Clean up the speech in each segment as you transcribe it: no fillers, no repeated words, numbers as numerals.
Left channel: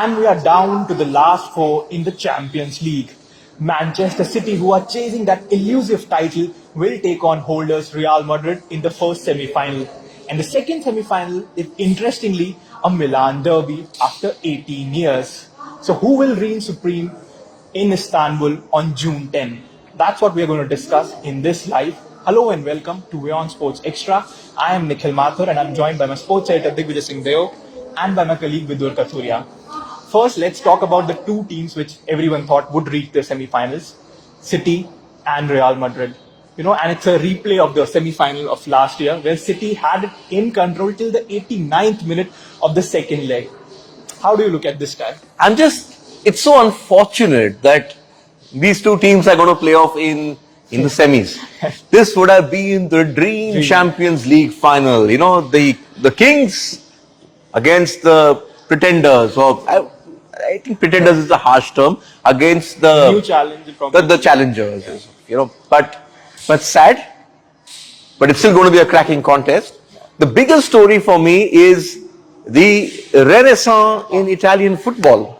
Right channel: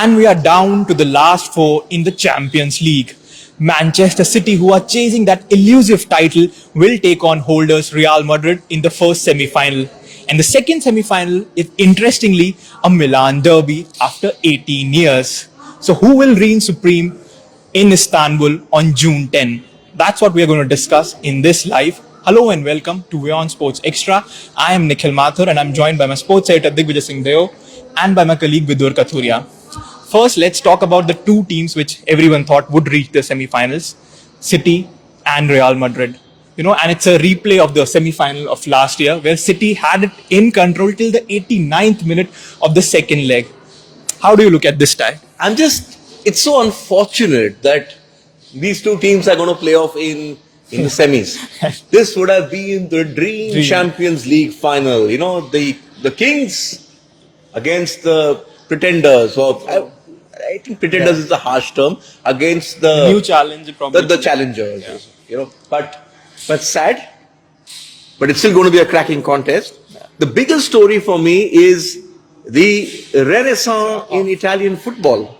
And we are down to the last four in the Champions League. Manchester City, who are chasing that elusive title, will take on holders Real Madrid in the first semi-final. And the second semi-final is, interestingly, a Milan Derby after 18 years. So who will reign supreme in Istanbul on June 10? That's what we are going to discuss in this live. Hello and welcome to WION Sports Extra. I am Nikhil Mathur and I'm joined by my sports editor Digvijay Singh Deo and by my colleague Vidur Kathuria. First, let's talk about the two teams which everyone thought would reach the semi-finals, City and Real Madrid. And it's a replay of the semi-final of last year where City had it in control till the 89th minute of the second leg. How do you look at this tie? It's so unfortunate that these two teams are going to play off in the semis. This would have been the dream Champions League final. The Kings against the pretenders, or I think pretenders is a harsh term, against the new challenge, the challengers. But sad. But it's still going to be a cracking contest. The biggest story for me is the renaissance in Italian football.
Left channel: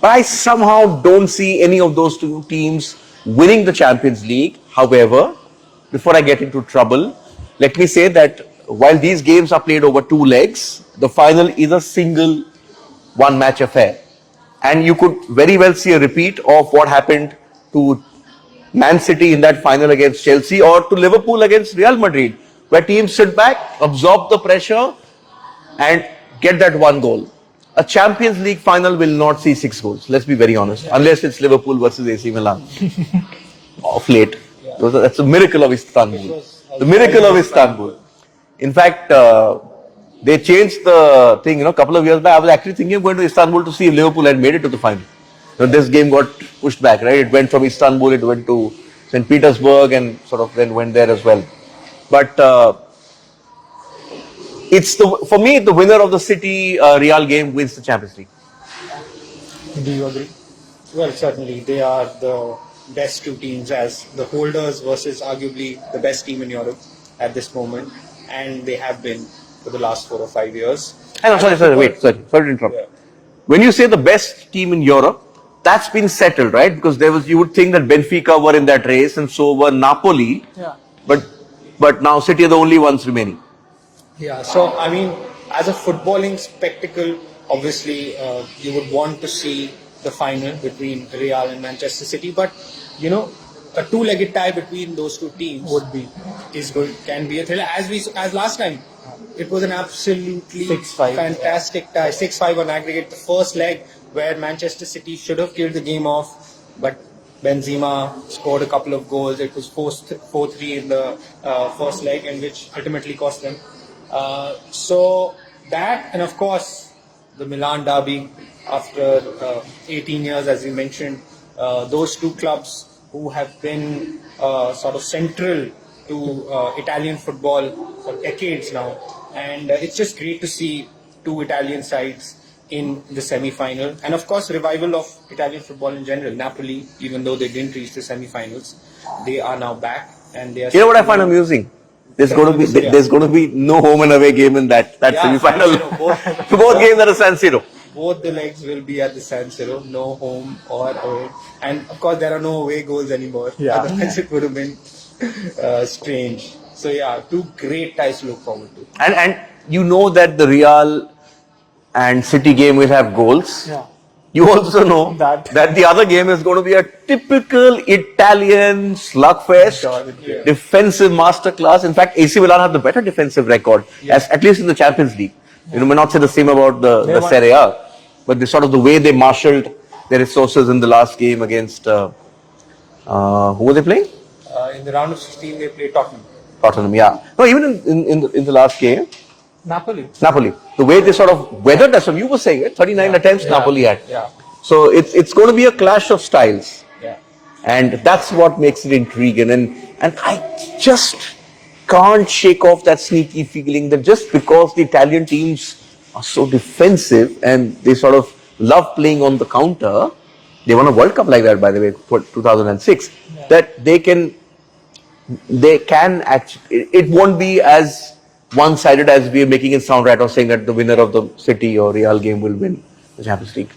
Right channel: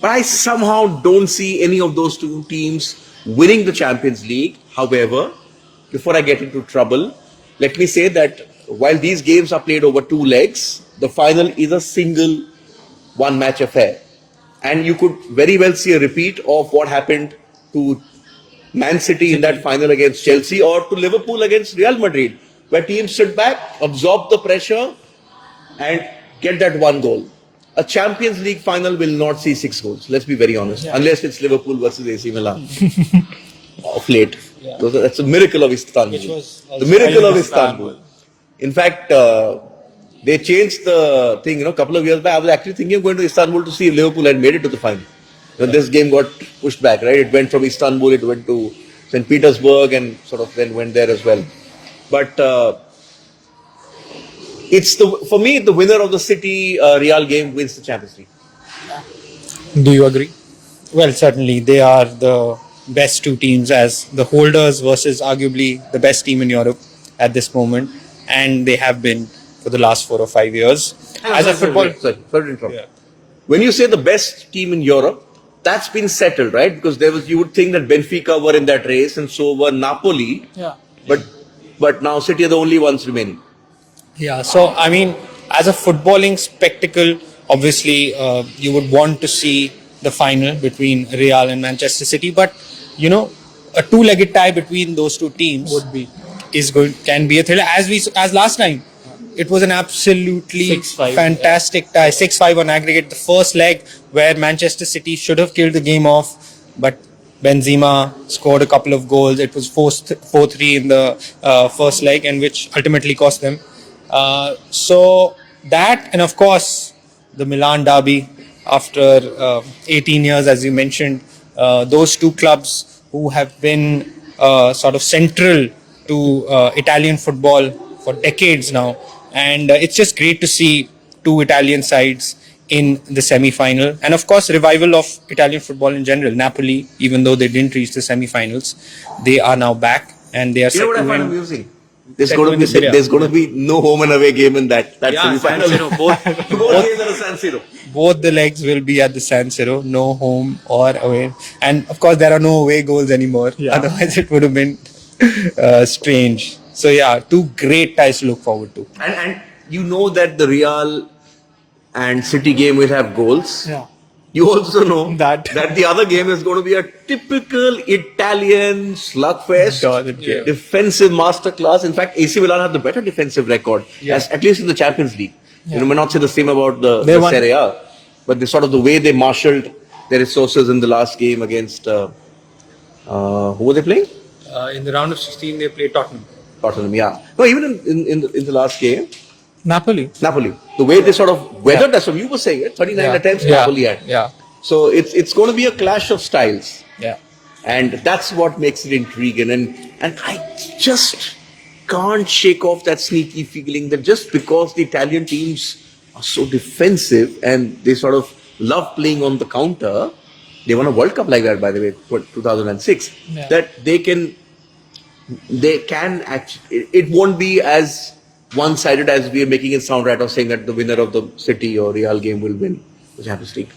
But I somehow don't see any of those two teams winning the Champions League. However, before I get into trouble, let me say that while these games are played over two legs, the final is a single one-match affair. And you could very well see a repeat of what happened to Man City in that final against Chelsea, or to Liverpool against Real Madrid, where teams sit back, absorb the pressure and get that one goal. A Champions League final will not see 6 goals, let's be very honest, unless it's Liverpool versus AC Milan of late. That's a miracle of Istanbul. The miracle of Istanbul. In fact, they changed the thing, a couple of years back. I was actually thinking of going to Istanbul to see if Liverpool had made it to the final. This game got pushed back, right? It went from Istanbul, it went to St. Petersburg and sort of then went there as well. But for me, the winner of the City Real game wins the Champions League. Do you agree? Well, certainly they are the best two teams as the holders versus arguably the best team in Europe at this moment, and they have been for the last 4 or 5 years. Sorry to interrupt. Yeah. When you say the best team in Europe, that's been settled, right? Because you would think that Benfica were in that race and so were Napoli. Yeah. But now City are the only ones remaining. Yeah, so I mean, as a footballing spectacle, obviously you would want to see the final between Real and Manchester City, but a two-legged tie between those two teams can be a thriller. As last time, it was an absolutely 6-5. Fantastic tie, 6-5 on aggregate. The first leg where Manchester City should have killed the game off, but Benzema scored a couple of goals. It was 4-3 in the first leg, and which ultimately cost them. So that, and of course the Milan Derby after 18 years, as you mentioned, those two clubs who have been sort of central to Italian football for decades now, and it's just great to see two Italian sides in the semi-final, and of course revival of Italian football in general. Napoli, even though they didn't reach the semi-finals, they are now back, and they are. You know what I find amusing? There's going to be no home and away game in that semi-final. Both games are at San Siro. Both the legs will be at the San Siro, no home or away, and of course there are no away goals anymore. Yeah. Otherwise, it would have been strange. So yeah, two great ties to look forward to. And you know that the Real and City game will have goals. Yeah. You also know that the other game is going to be a typical Italian slugfest, defensive masterclass. In fact, AC Milan have the better defensive record, at least in the Champions League. Yeah. May not say the same about the Serie A, but the way they marshaled their resources in the last game against who were they playing? In the round of 16, they played Tottenham. Tottenham, yeah. No, even in the last game. Napoli. The way they sort of weathered us, you were saying, 39 attempts Napoli had. Yeah. So it's going to be a clash of styles. Yeah. And that's what makes it intriguing. And I just can't shake off that sneaky feeling that just because the Italian teams are so defensive and they sort of love playing on the counter, they won a World Cup like that, by the way, for 2006, that they can actually, it won't be as one-sided as we are making it sound, right, or saying that the winner of the City or Real game will win the Champions League.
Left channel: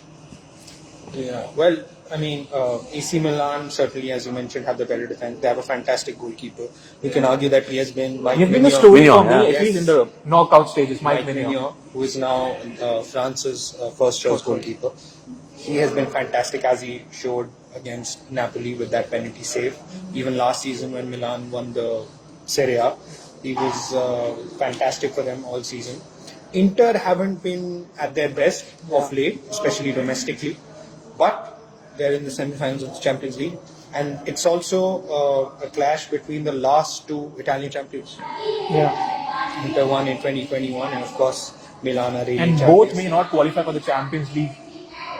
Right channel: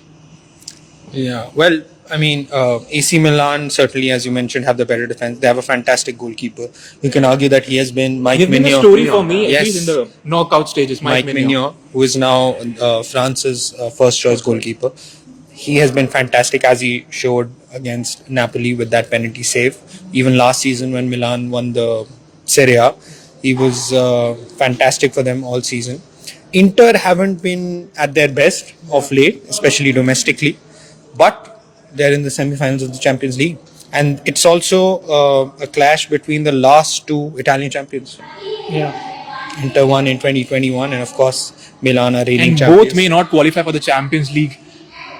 Yeah, well, I mean, AC Milan certainly, as you mentioned, have the better defense. They have a fantastic goalkeeper. You can argue that he has been Mike He's been a Mignon. story Mignon, for me, yeah. at least in Yes, the knockout stages. Mike Mignon, who is now France's first choice goalkeeper. He has been fantastic, as he showed against Napoli with that penalty save. Even last season when Milan won the Serie A, he was fantastic for them all season. Inter haven't been at their best of late, especially domestically, but they're in the semi-finals of the Champions League. And it's also a clash between the last two Italian champions. Yeah. Inter won in 2021, and of course, Milan are reigning And champions. both may not qualify for the Champions League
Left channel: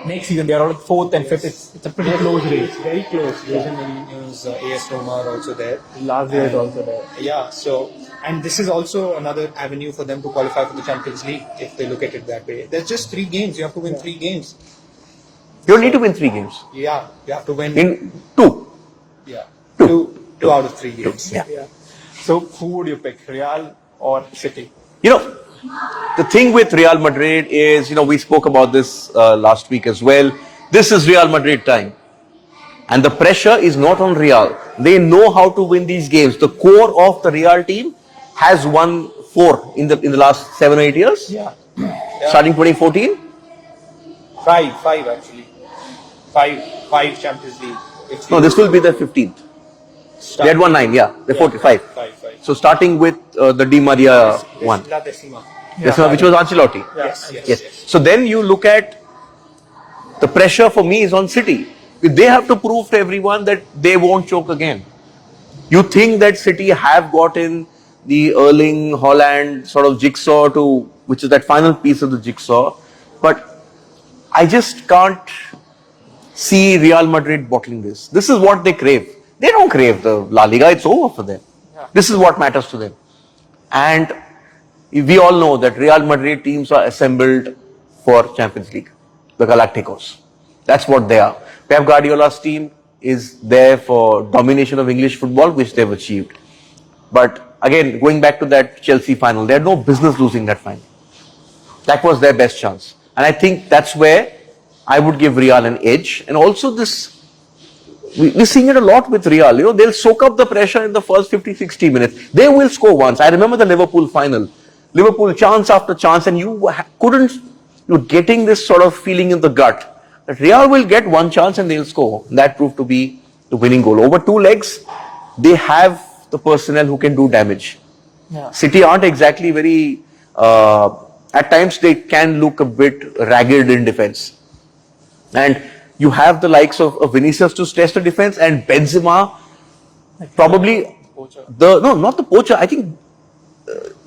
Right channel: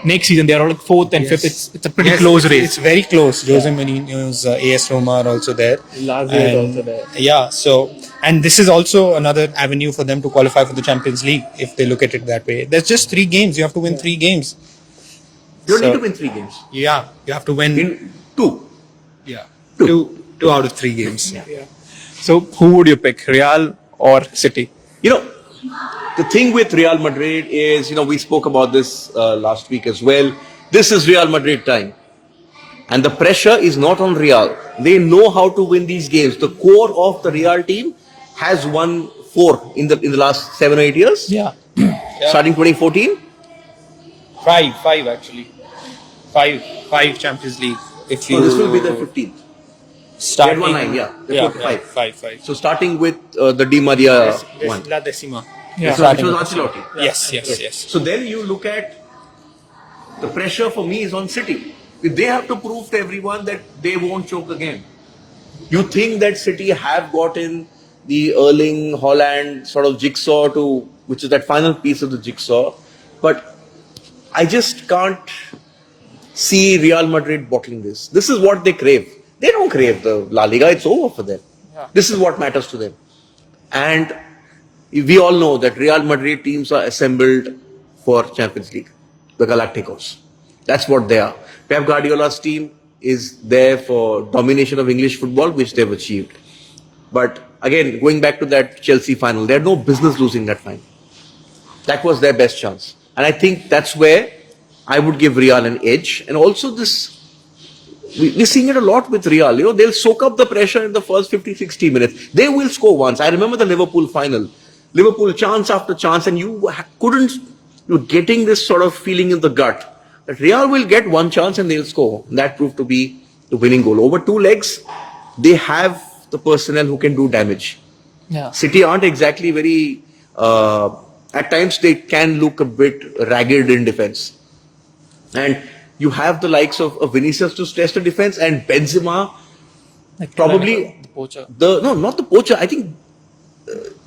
next season. They are all fourth and fifth. It's a pretty Yes, close It's race. very close. Jose Mourinho's AS Roma are also there. Lazio is And- also there. Yeah, so and this is also another avenue for them to qualify for the Champions League if they look at it that way. There's just 3 games. You have to win 3 games. You don't So- need to win 3 games. Yeah, you have to win In 2. yeah, Two. two out of 3 games. Yeah. So who would you pick, Real or City? You know, the thing with Real Madrid is, we spoke about this last week as well. This is Real Madrid time. And the pressure is not on Real. They know how to win these games. The core of the Real team has won 4 in the last 7 or 8 years. Yeah. Starting 2014. Five actually. Five Champions League. If you No, this will be the 15th. They starting, had won 9, yeah. They fought 5. Five. So starting with the Di Maria one. La Decima. Which was Ancelotti. Yes. So then you look at the pressure for me is on City. They have to prove to everyone that they won't choke again. You think that City have gotten the Erling Haaland sort of jigsaw which is that final piece of the jigsaw, but I just can't see Real Madrid bottling this. This is what they crave. They don't crave the La Liga. It's over for them. This is what matters to them. And we all know that Real Madrid teams are assembled for Champions League, the Galacticos. That's what they are. Pep Guardiola's team is there for domination of English football, which they've achieved. But again, going back to that Chelsea final, they had no business losing that final. That was their best chance. And I think that's where I would give Real an edge. And also we're seeing it a lot with Real. They'll soak up the pressure in the first 50, 60 minutes. They will score once. I remember the Liverpool final. Liverpool chance after chance, and you're getting this sort of feeling in the gut that Real will get one chance and they'll score. And that proved to be the winning goal. Over 2 legs, they have the personnel who can do damage. Yeah. City aren't exactly very, at times they can look a bit ragged in defense. And you have the likes of Vinicius to stress the defense, and Benzema, probably Poacher. not the poacher. I think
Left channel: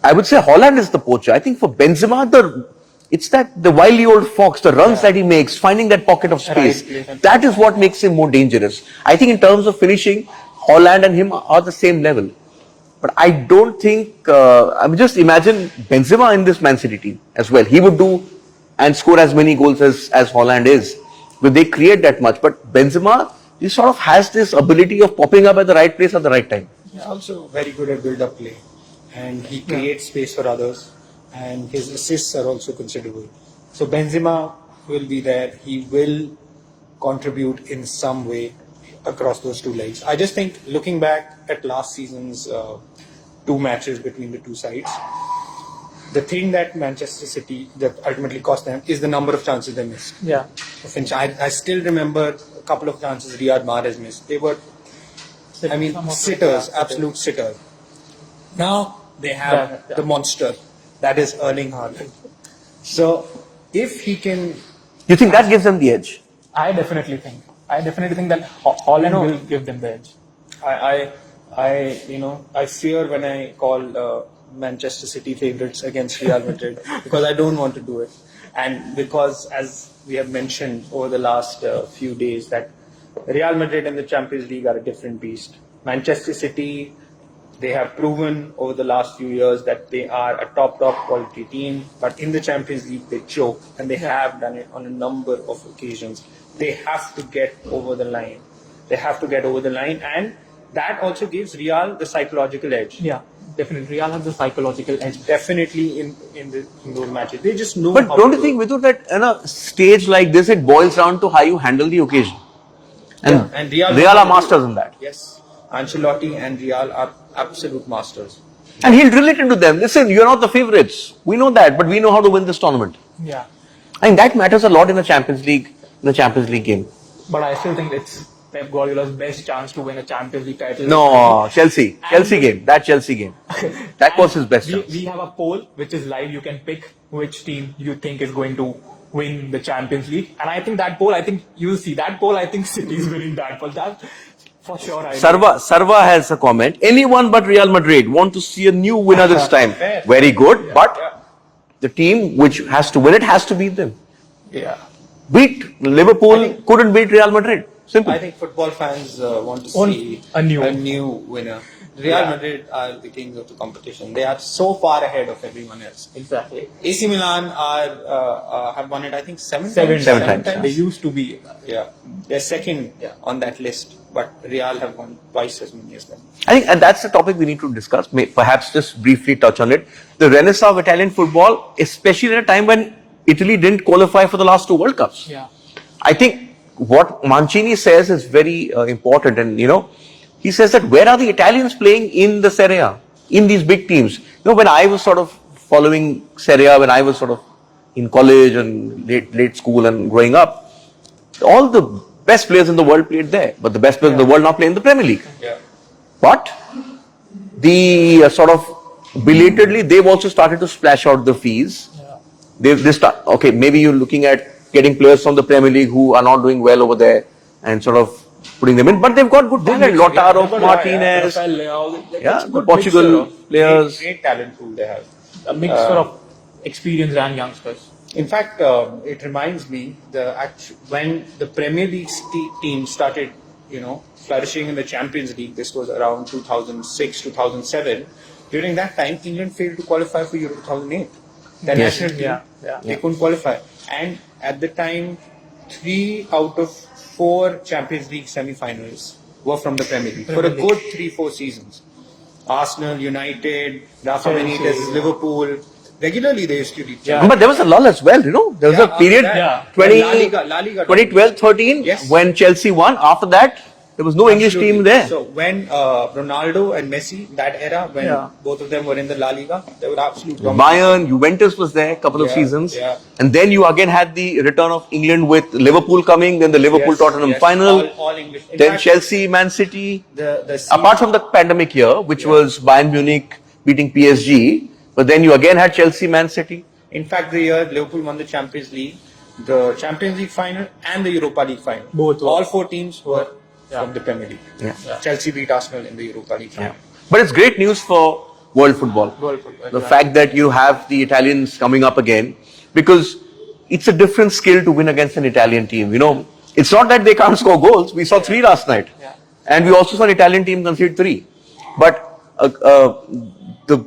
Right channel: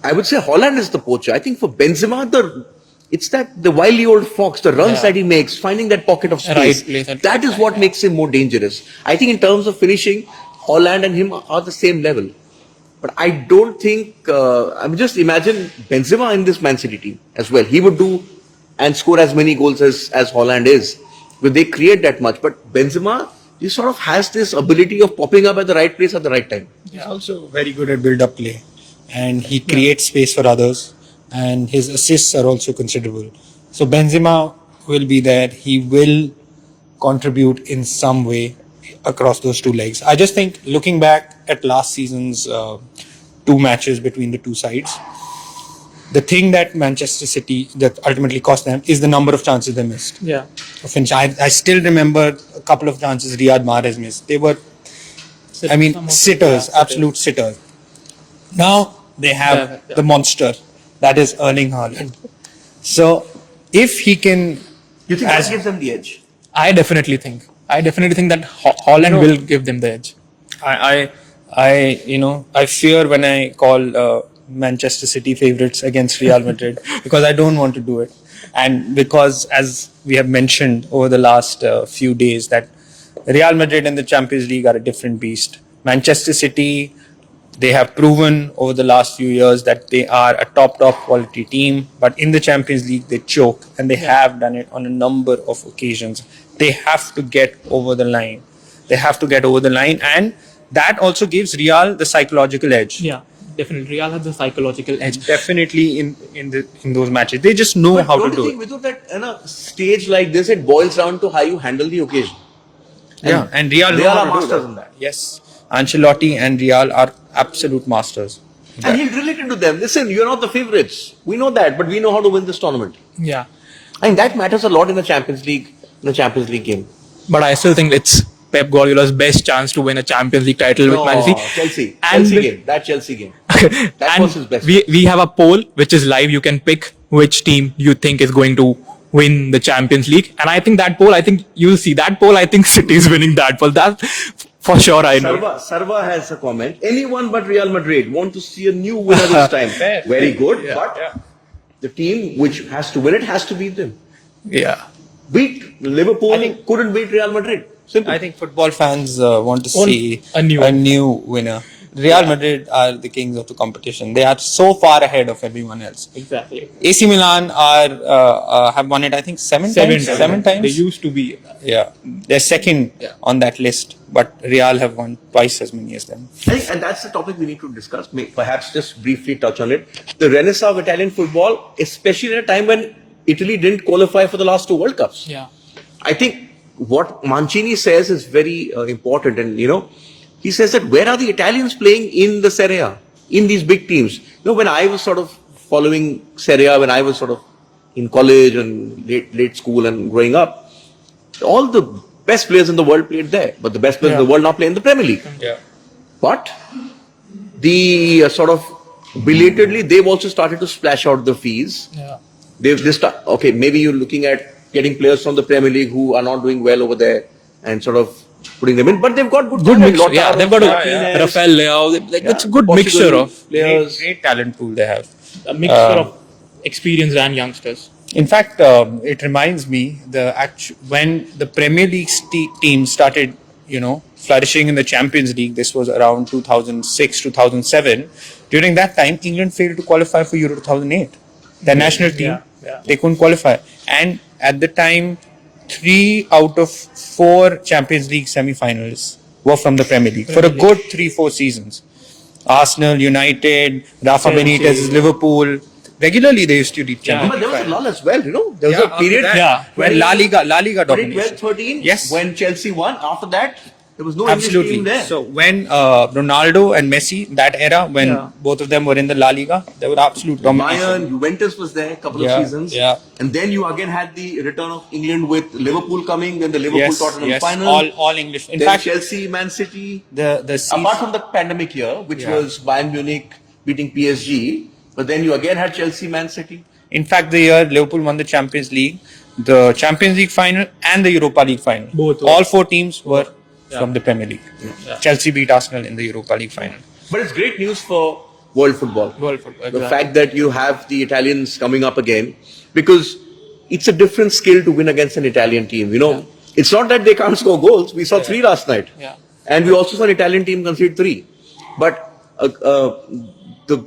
I would say Holland is the poacher. I think for Benzema, it's the wily old fox, the runs that he makes, finding that pocket of space. Right place. That is what makes him more dangerous. I think in terms of finishing, Holland and him are the same level. But I don't think, just imagine Benzema in this Man City team as well. He would do and score as many goals as Holland is. But they create that much. But Benzema, he sort of has this ability of popping up at the right place at the right time. Yeah, also very good at build-up play, and he creates space for others, and his assists are also considerable. So Benzema will be there. He will contribute in some way across those 2 legs. I just think looking back at last season's 2 matches between the 2 sides, the thing that Manchester City that ultimately cost them is the number of chances they missed. Yeah. I still remember a couple of chances Riyad Mahrez missed. They were, sitters, absolute sitters. Now they have the monster that is Erling Haaland. So if he can, You think that gives them the edge? I definitely think that Holland will give them the edge. I fear when I call Manchester City favorites against Real Madrid because I don't want to do it, and because as we have mentioned over the last few days that Real Madrid and the Champions League are a different beast. Manchester City, they have proven over the last few years that they are a top quality team, but in the Champions League they choke, and they have done it on a number of occasions. They have to get over the line. And that also gives Real the psychological edge. Yeah. Definitely, Real has the psychological edge. Definitely in those matches, they just know But how don't to you do think, it. Vidhu, that in a stage like this, it boils down to how you handle the occasion? Yeah, and Real know Real how are to do masters in that. Yes, Ancelotti and Real are absolute masters. And he'll drill it into them. Listen, you're not the favorites. We know that, but we know how to win this tournament. Yeah. And that matters a lot in the Champions League, game. But I still think it's Pep Guardiola's best chance to win a Champions League title with Man No, City. Chelsea game. That Chelsea game. That was his best. We have a poll which is live. You can pick which team you think is going to win the Champions League. And I think that poll, you'll see that poll. I think City is winning that poll. That for sure. I know. Sarva has a comment. Anyone but Real Madrid want to see a new winner this time. Very good. But the team which has to win it has to beat them. Yeah. Beat Liverpool, couldn't beat Real Madrid. Simple. I think football fans want to see a new winner. Real Madrid are the kings of the competition. They are so far ahead of everyone else. Exactly. AC Milan have won it, I think, seven times. They used to be. Yeah, they're second on that list, but Real have won twice as many as them. I think, and that's the topic we need to discuss. Perhaps just briefly touch on it. The renaissance of Italian football, especially at a time when Italy didn't qualify for the last 2 World Cups. Yeah. I think what Mancini says is very important, and he says that where are the Italians playing in the Serie A, in these big teams? When I was sort of following Serie A, when I was sort of in college and late school and growing up, all the best players in the world played there, but the best players in the world now play in the Premier League. Yeah. But the sort of belatedly, they've also started to splash out the fees. Yeah. Maybe you're looking at getting players from the Premier League who are not doing well over there and sort of putting them in, but they've got good talent. Lautaro, they've got Martinez, Rafael Leao. It's a good possible mixture of players. Great talent pool they have. a mixture of experienced and youngsters. In fact, it reminds me when the Premier League team started, flourishing in the Champions League. This was around 2006, 2007. During that time, England failed to qualify for Euro 2008. Their national team, they couldn't qualify. And at the time, 3 out of 4 Champions League semi-finals were from the Premier League for a good 3-4 seasons. Arsenal, United, Rafa Benitez, Liverpool. Regularly they used to reach champions. But there was a lull as well, There was a period, 20, La Liga 2012-13, when Chelsea won. After that, there was no English team there. So when Ronaldo and Messi, that era, when both of them were in the La Liga, they were absolute domination. Bayern, Juventus was there a couple of seasons. Yeah. And then you again had the return of England with Liverpool coming, then the Liverpool-Tottenham final. All English. In then fact, Chelsea, Man City. the season, Apart from the pandemic year, which was Bayern Munich beating PSG, but then you again had Chelsea, Man City. in fact, the year Liverpool won the Champions League final and the Europa League final. Both were. All 4 teams were from the Premier League. Chelsea beat Arsenal in the Europa League final. But it's great news for world football. Exactly. The fact that you have the Italians coming up again, because it's a different skill to win against an Italian team. It's not that they can't score goals. We saw 3 last night. Yeah. And we also saw an Italian team concede 3. But the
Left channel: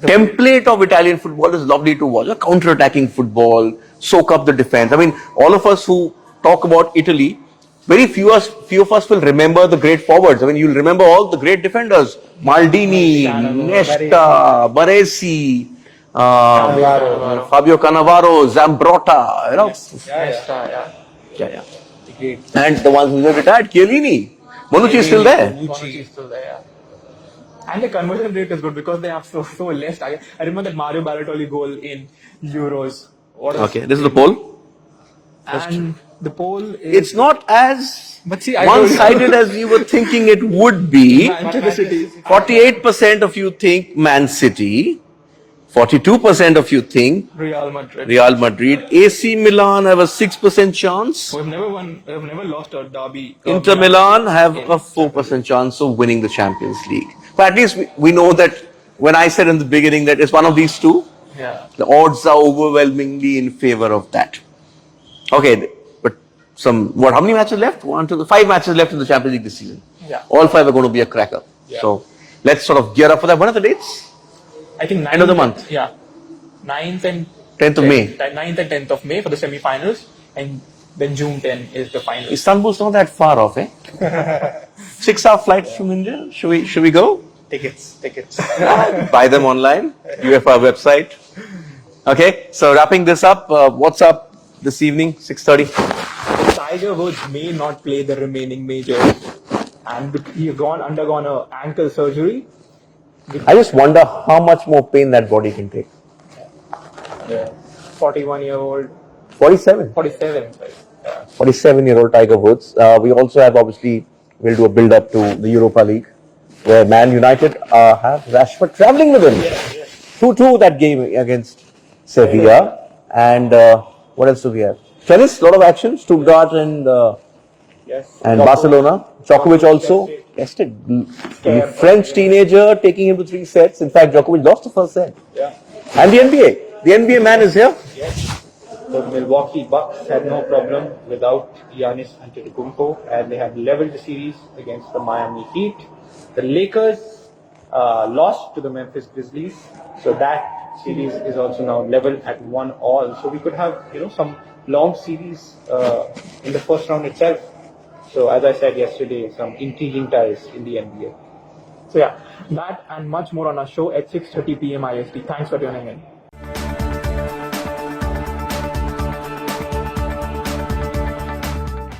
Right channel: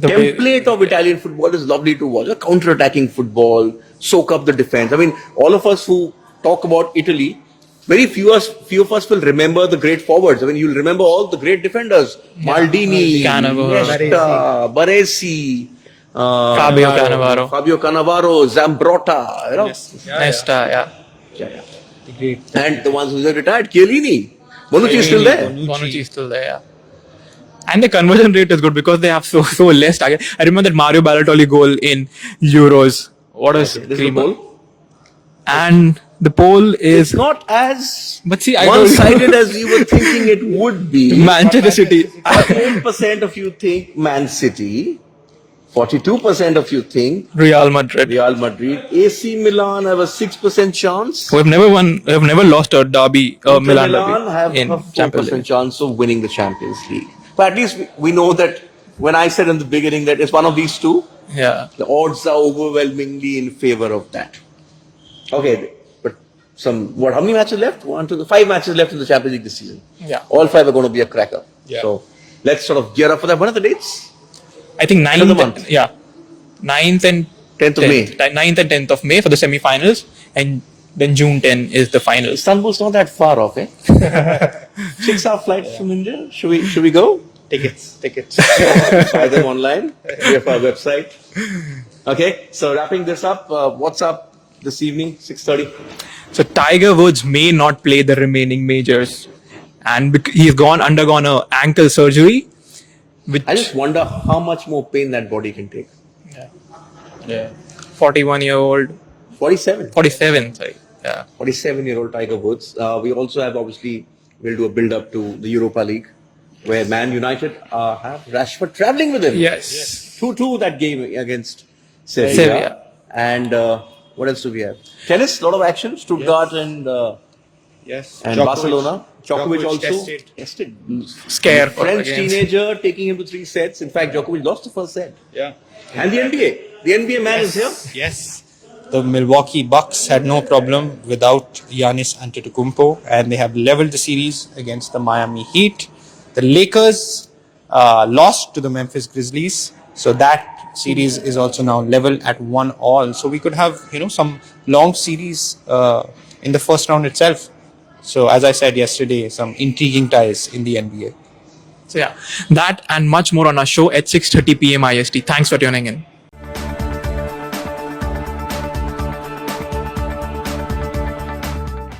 template of Italian football is lovely to watch. A counter-attacking football, soak up the defense. I mean, all of us who talk about Italy, very few of us will remember the great forwards. I mean, you'll remember all the great defenders. Maldini, Iniesta, Baresi, Fabio Cannavaro, Zambrotta, Nesta, and the ones who have retired, Chiellini. Bonucci is still there. Bonucci is still there, yeah. And the conversion rate is good because they have so less target. I remember that Mario Balotelli goal in Euros. This is the poll. And the poll is... It's not as But see, one-sided as we were thinking it would be. Manchester City. 48% of you think Man City. 42% of you think Real Madrid. AC Milan have a 6% chance. Who have never lost a derby. Inter Milan have a 4% chance of winning the Champions League. But at least we know that when I said in the beginning that it's one of these two, the odds are overwhelmingly in favor of that. Okay, but how many matches left? 5 matches left in the Champions League this season. Yeah. All 5 are going to be a cracker. Yeah. So let's sort of gear up for that. When are the dates? I think 9th End of the month. Yeah. 9th and 10th of May. 9th and 10th of May for the semi-finals, and then June 10 is the final. Istanbul's not that far off, eh? 6-hour flight from India. Should we go? Tickets. Buy them online. We have our website. Okay, so wrapping this up, what's up this evening, 6:30? So Tiger Woods may not play the remaining majors, and he's undergone a ankle surgery. I just wonder how much more pain that body can take. 41-year-old, 47. 47. Sorry. Yeah. 47-year-old Tiger Woods. We also have, obviously, we'll do a build-up to the Europa League, where Man United have Rashford travelling with him. Yes. 2-2 that game against Sevilla. And what else do we have? Tennis, a lot of action. Stuttgart and Djokovic. Barcelona. Djokovic also tested. Scare. French teenager taking him to 3 sets. In fact, Djokovic lost the first set. Yeah. And the NBA. The NBA man is here. Yes. The Milwaukee Bucks had no problem without Giannis Antetokounmpo, and they have leveled the series against the Miami Heat. The Lakers lost to the Memphis Grizzlies, so that series is also now level at 1-1. So we could have some long series in the first round itself. So as I said yesterday, some intriguing ties in the NBA. So yeah, that and much more on our show at 6:30 p.m. IST. Thanks for tuning in.